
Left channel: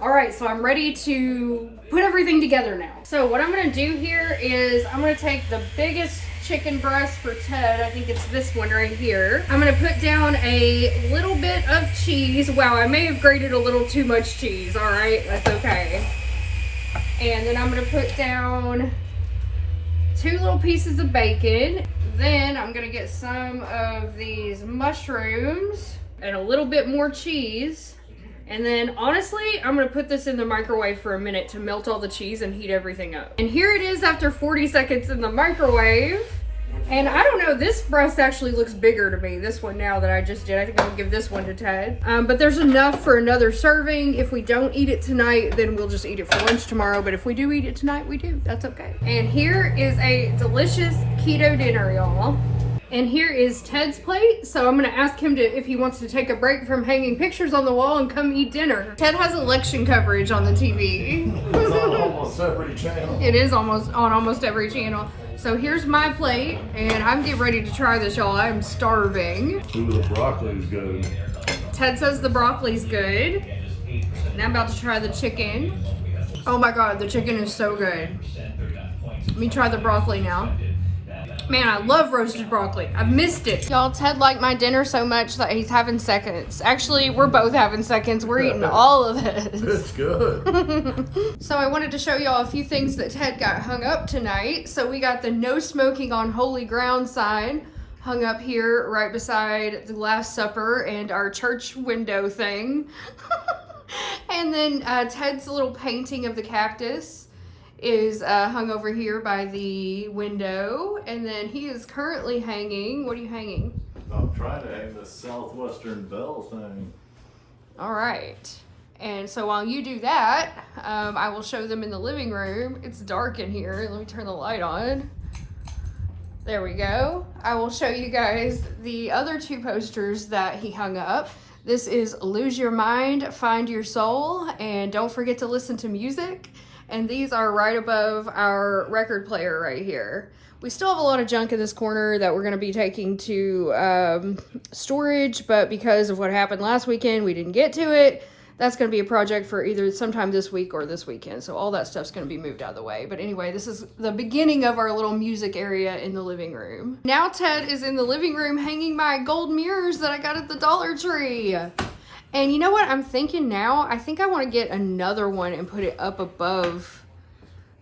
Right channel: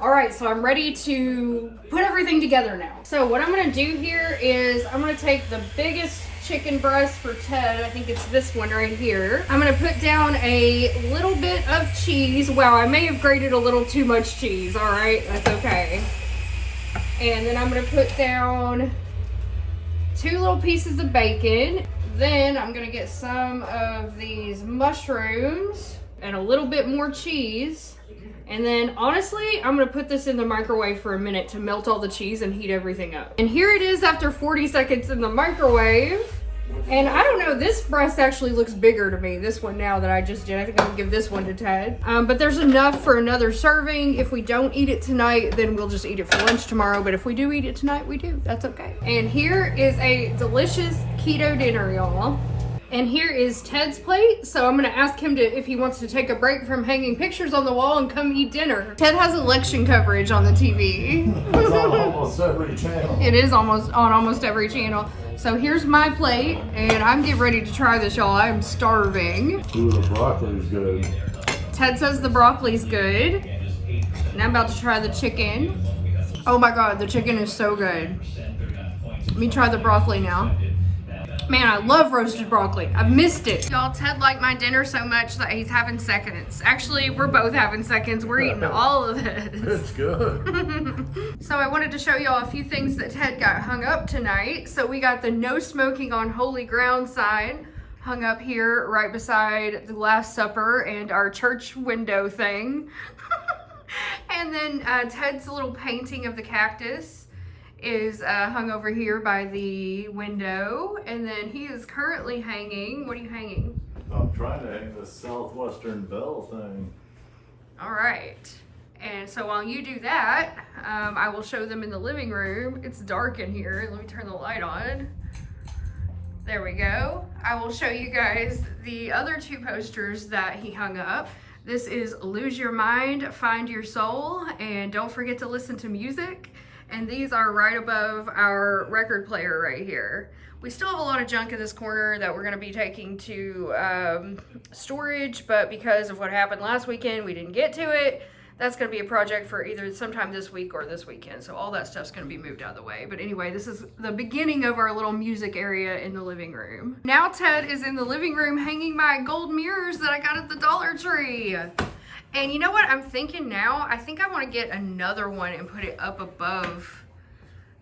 All right, so I'm ready to put everything together now. So what I'm gonna do here is I'm gonna take the biggest chicken breast for Ted. I think it's this one right here. I'm gonna put down a little bit of cheese. Wow, I may have grated a little too much cheese. All right, that's okay. And then I'm gonna put down 2 little pieces of bacon. Then I'm gonna get some of these mushrooms and a little bit more cheese. And then honestly, I'm gonna put this in the microwave for a minute to melt all the cheese and heat everything up. And here it is after 40 seconds in the microwave. And I don't know, this breast actually looks bigger to me, this one now that I just did. I think I'm gonna give this one to Ted. But there's enough for another serving. If we don't eat it tonight, then we'll just eat it for lunch tomorrow. But if we do eat it tonight, we do. That's okay. And here is a delicious keto dinner, y'all. And here is Ted's plate. So I'm gonna ask him if he wants to take a break from hanging pictures on the wall and come eat dinner. Ted has election coverage on the TV. That's all on almost every channel. It is almost on almost every channel. So here's my plate, and I'm getting ready to try this, y'all. I'm starving. Ooh, the broccoli's good. Ted says the broccoli's good. And I'm about to try the chicken. Oh my God, the chicken is so good. Let me try the broccoli now. Man, I love roasted broccoli. I've missed it. Y'all, Ted liked my dinner so much that he's having seconds. Actually, we're both having seconds. We're eating all of this. It's good. So I wanted to show y'all a few things that Ted got hung up tonight. So we got the no smoking on holy ground sign hung up here right beside the Last Supper and our church window thing. And then Ted's little painting of the cactus is hung over here by the window, and then he is currently hanging. What are you hanging? I'm trying to hang this Southwestern Belle thing. All right. And so while you do that, I will show them in the living room. It's dark in here. Let me turn the light on. There we go. I will show you guys the other two posters that he hung up. This is Lose Your Mind, Find Your Soul, and Don't Forget to Listen to Music. And these are right above our record player right here. We still have a lot of junk in this corner that we're going to be taking to storage, but because of what happened last weekend, we didn't get to it. That's going to be a project for either sometime this week or this weekend. So all that stuff's going to be moved out of the way. But anyway, this is the beginning of our little music area in the living room. Now Ted is in the living room hanging my gold mirrors that I got at the Dollar Tree. And you know what I'm thinking now? I think I want to get another one and put it up above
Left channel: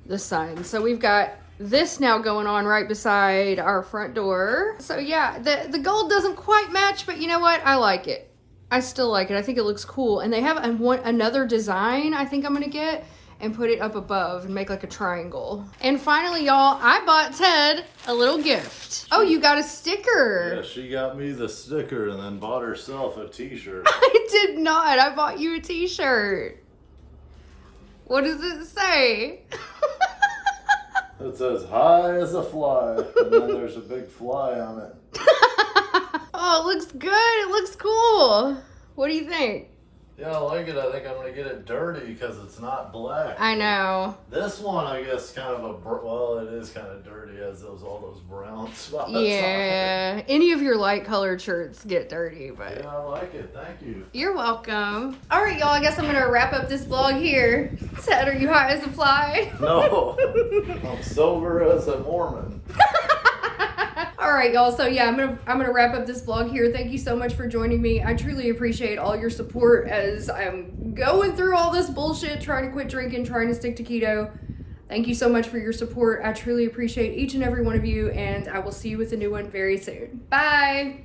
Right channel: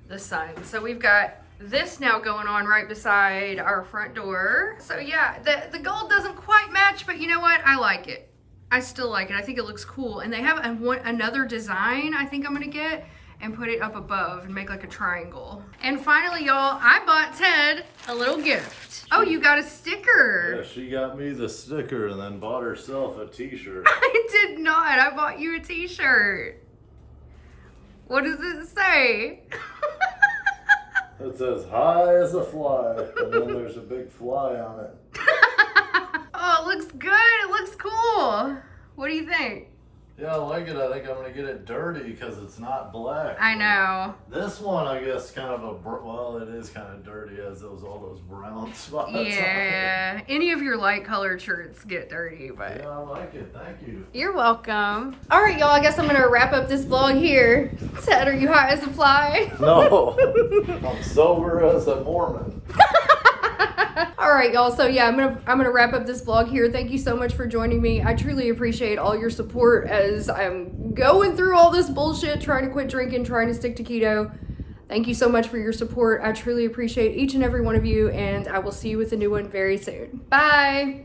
the sun. So we've got this now going on right beside our front door. So yeah, the gold doesn't quite match, but you know what? I like it. I still like it. I think it looks cool. And they have another design I think I'm going to get and put it up above and make like a triangle. And finally, y'all, I bought Ted a little gift. Oh, you got a sticker. Yeah, she got me the sticker and then bought herself a t-shirt. I did not. I bought you a t-shirt. What does it say? It says high as a fly, and then there's a big fly on it. Oh, it looks good. It looks cool. What do you think? Yeah, I like it. I think I'm going to get it dirty because it's not black. I know. This one, I guess, kind of well, it is kind of dirty as all those brown spots on it. Yeah. Any of your light colored shirts get dirty, but Yeah, I like it. Thank you. you're welcome. All right, y'all. I guess I'm gonna wrap up this vlog here. Ted, are you high as a fly? No, I'm sober as a Mormon. All right, y'all. So yeah, I'm gonna wrap up this vlog here. Thank you so much for joining me. I truly appreciate all your support as I'm going through all this bullshit, trying to quit drinking, trying to stick to keto. Thank you so much for your support. I truly appreciate each and every one of you, and I will see you with a new one very soon. Bye.